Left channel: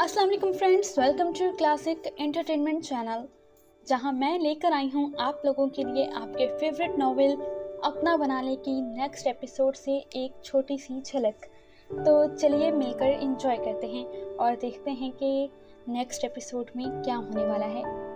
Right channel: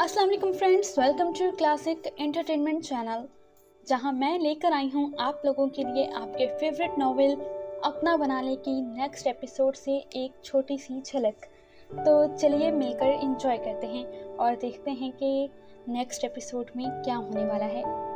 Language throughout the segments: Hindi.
अस्सलाम वालेकुम friends, welcome to classic entertainment channel, जहां मैं लेकर आई हूं आप लोगों के लिए आपके फेवरेट नॉवेल अपना बनाने की नेक्स्ट एपिसोड से एक छोटी सी झलक। तो चलिए मिलकर एंजॉय करते हैं और देखते हैं कि नेक्स्ट एपिसोड में क्या होने वाला है।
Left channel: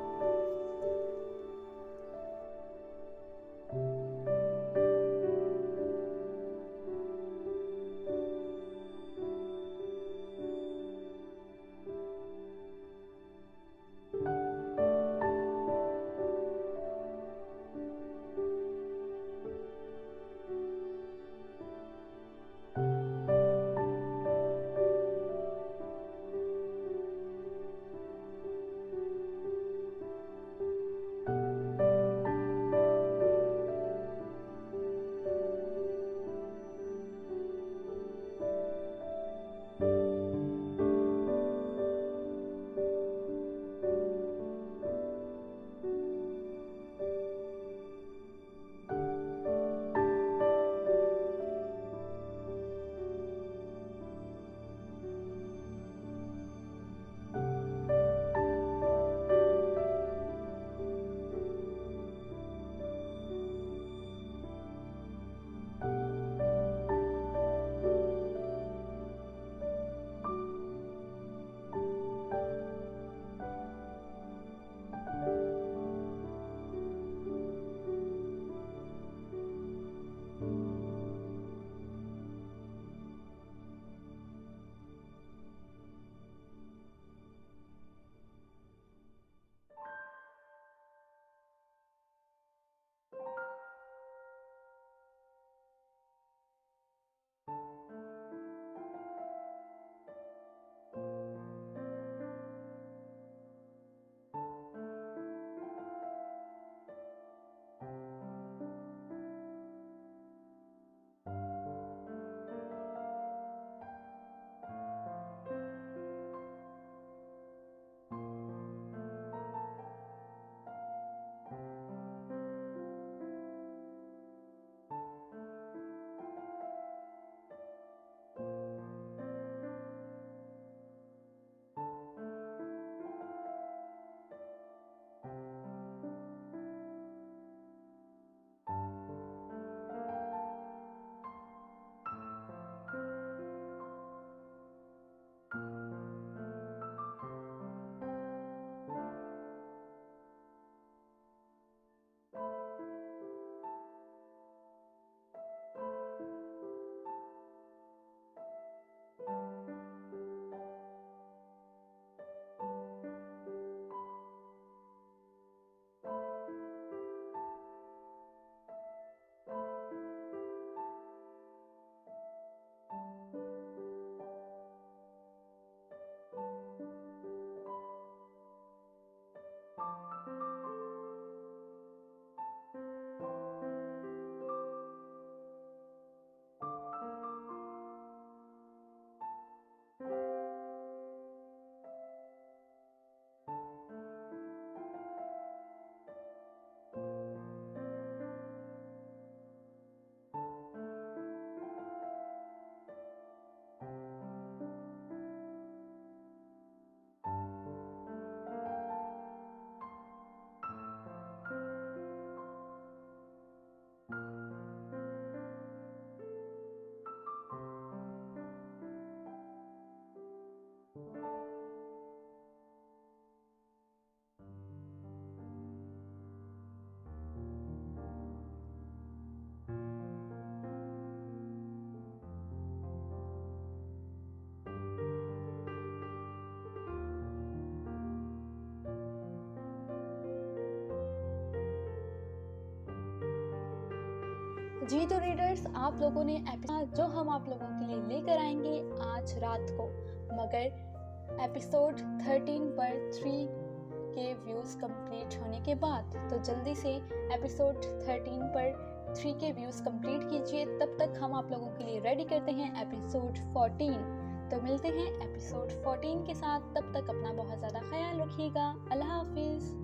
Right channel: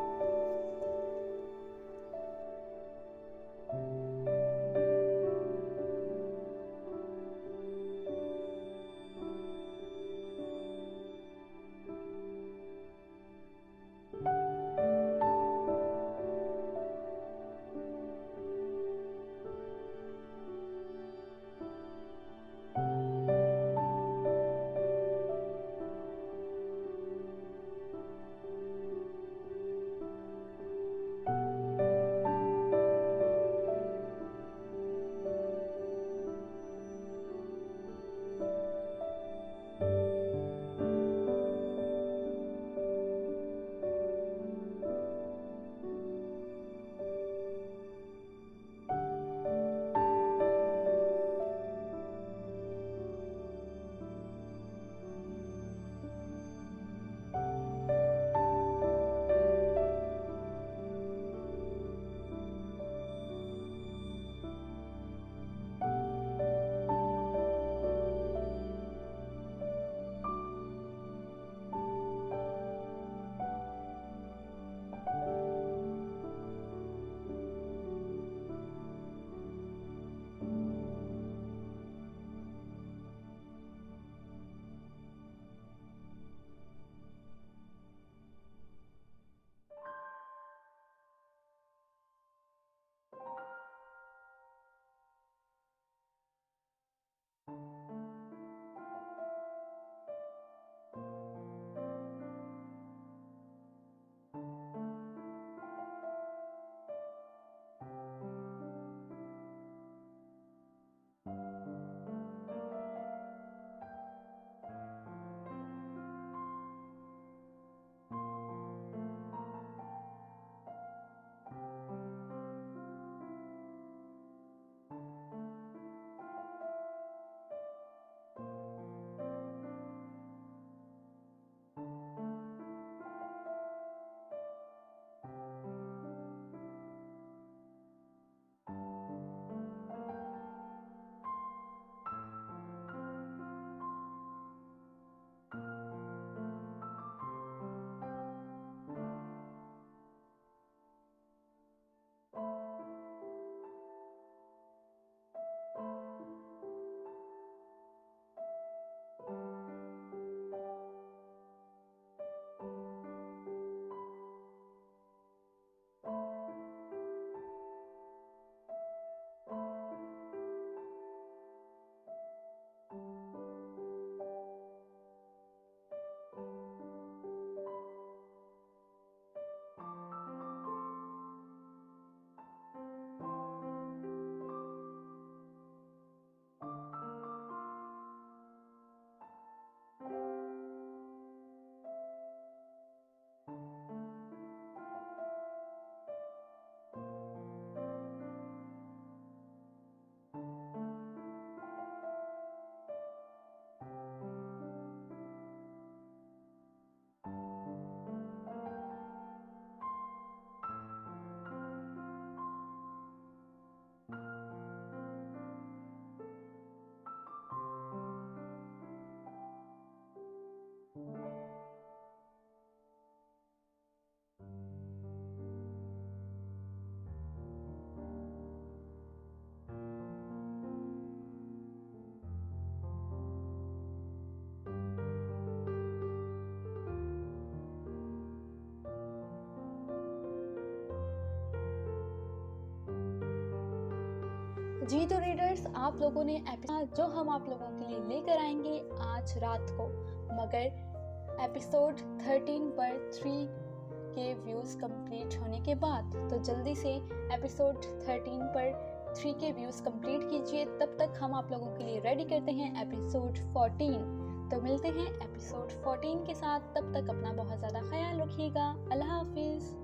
जी तो रीडर्स, आप लोगों ने एपिसोड जो हम आप लोगों के लिए लेकर आएंगे आज रात को, मगर एपिसोड 13 पर 3 के व्यूज़ कंप्लीट होने के बाद, तो जल्दी से एपिसोड 13 पर 3 के व्यूज़ कंप्लीट कीजिए। तब तक हम आप लोगों के लिए रेडी करते हैं एपिसोड 14। तो मिलते हैं एपिसोड 14 के साथ। तब तक अपना बहुत ज़्यादा ख्याल रखिएगा। अल्लाह हाफिज़।